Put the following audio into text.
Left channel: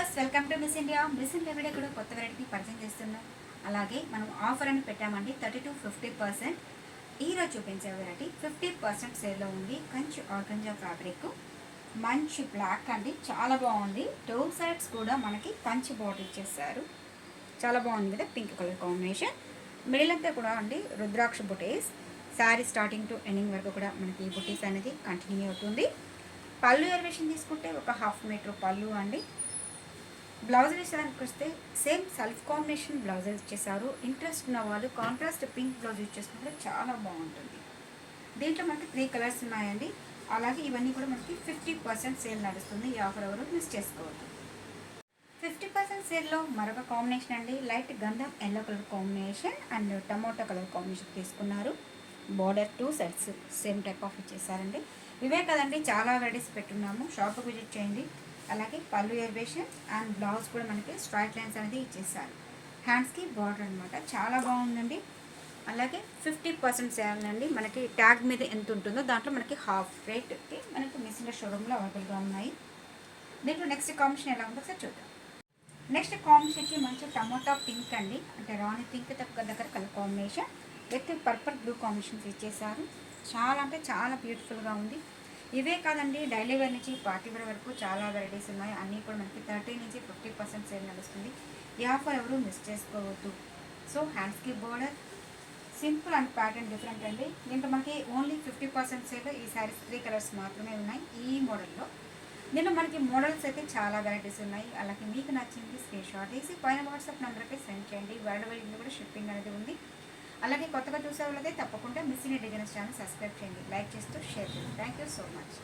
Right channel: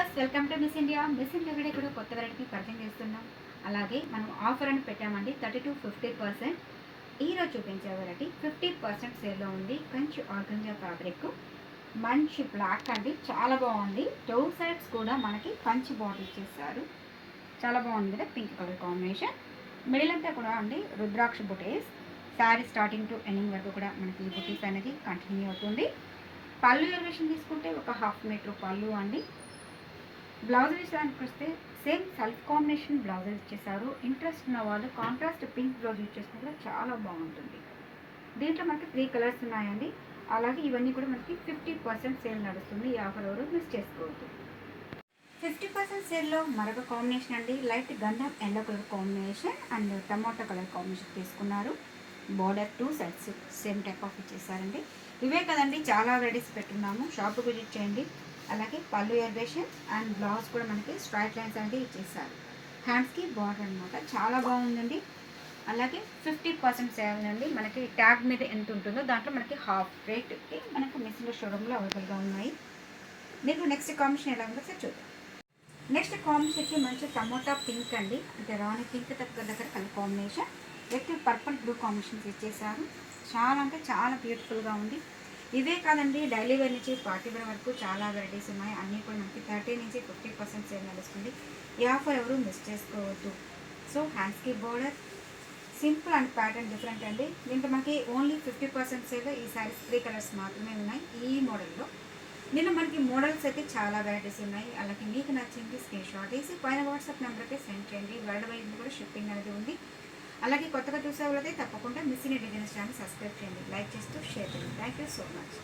Viewers welcome to miss India. Miss India video కూడా కొత్త variety పరిచయం చేస్తున్నాం. అలాగే మనం ఆఫర్ అని పెట్టామండి 30-50%. ఈరోజు చూపించే వెరైటీ 50% సేల్లో ఉంది. కంచి ఆర్గంజా ఫ్యాబ్రిక్, మంచి బ్లాక్ అండి, చాలా బాగుంది. 2 సైడ్స్ కూడా మనకి కంచి బార్డర్ ఇచ్చేసారు, చాలా బాగుంది కదా, పింక్ కలర్ కాంబినేషన్. మిడిల్ అంతా కూడా అండి రుద్రాక్ష బుటీస్. శారీ స్టార్టింగ్ టు ఎండింగ్ వరకు కూడా మనకి ఈ బుటీస్ అనేది కంటిన్యూ అవుతుంది. పళ్ళు ఎలివేషన్ తీసుకుంటే ఒక 1/2 మీటర్ పళ్ళు అండి. బ్లౌజ్ విషయానికి వస్తే సేమ్ సెల్ఫ్ కాంబినేషన్ బ్లౌజెస్ ఇచ్చేసారు. ఇంట్రెస్ట్ ఉన్న వాళ్ళు కాంట్రాస్ట్ పింక్ బ్లౌజ్ ఇచ్చేసినా కూడా చాలా బాగుంటుంది. దీంట్లో మనకి 3 కలర్స్ ఉన్నాయండి. అలాగే ఇవన్నీ కూడా మనకి 50% సేల్ నడుస్తుంది. ఈ ఆఫర్ ఎవరు మిస్ చేసుకోవద్దు. 50% సేల్లో మరొక కాంబినేషన్ అండి, లైట్ గంధం yellow colour combination and tomato colour combination తీసుకున్నారు. Border 2 sides same type of ఇచ్చేసారండి. ఇవే కదండి, చాలా వెరైటీస్ పెట్టున్నాము, షాప్ విజిట్ చేయండి. అలాగే పళ్ళు ఎలివేషన్ అండ్ బ్లౌజ్ కూడా మనకి స్ట్రైట్ లైన్స్ అనేది ఇచ్చేసారు. హ్యాండ్స్కి బార్డర్ అనమాట, చాలా బాగుందండి. అలాగే 50% సేల్ అండి. మనకి ట్యాగ్ మీద ఎంత ఉంటుందో దాంట్లో మనకి హాఫ్ రేట్కి మనకు మిస్సింగ్ షోరూమ్లో అవైలబుల్గా ఉన్నాయి. మీకు నెక్స్ట్ కాంబినేషన్ ఎలా ఉందో సార్ చూద్దాం. నెక్స్ట్ కాంబినేషన్ మంచి టమోటా పింక్ అండి, అంటే రాణి పింక్ దగ్గర colour combination with purple blue combinations ఇచ్చేసారు. చాలా అంటే చాలా బ్యూటిఫుల్గా ఉంది. ఇవే కాదండి, డైలీ వేర్ నుంచి పార్టీ వేర్ వరకు చాలా వెరైటీస్ ఉన్నాయి. అన్నీ కూడా మనకి 30 నుంచి 50% సేల్ నడుస్తుంది. ఈ ఆఫర్ ఎవరు మిస్ చేసుకోవద్దు. సో హ్యాండ్స్కి border simple and pattern different అండి. దీంట్లో మనకి ఓన్లీ 50% సేల్. ఈ శారీస్ 3 కలర్స్ మాత్రమే ఉన్నాయి ఈ మోడల్లో. దీనిలో మనకి మోడల్స్ అయితే చాలా వెరైటీస్ ఉన్నాయి. అలాగే మీకు నచ్చింది స్క్రీన్ షాట్ వేసి పైన వాట్సాప్ నెంబర్కి సెండ్ చేయండి. వరల్డ్ కూడా షిప్పింగ్ అనేది ఉంది. అలాగే కొత్తగా చూసే వాళ్ళైతే తప్పకుండా miss India designs channel subscribe చేయండి, లైక్ చేస్తూ షేర్ చేయండి. Thank you so much.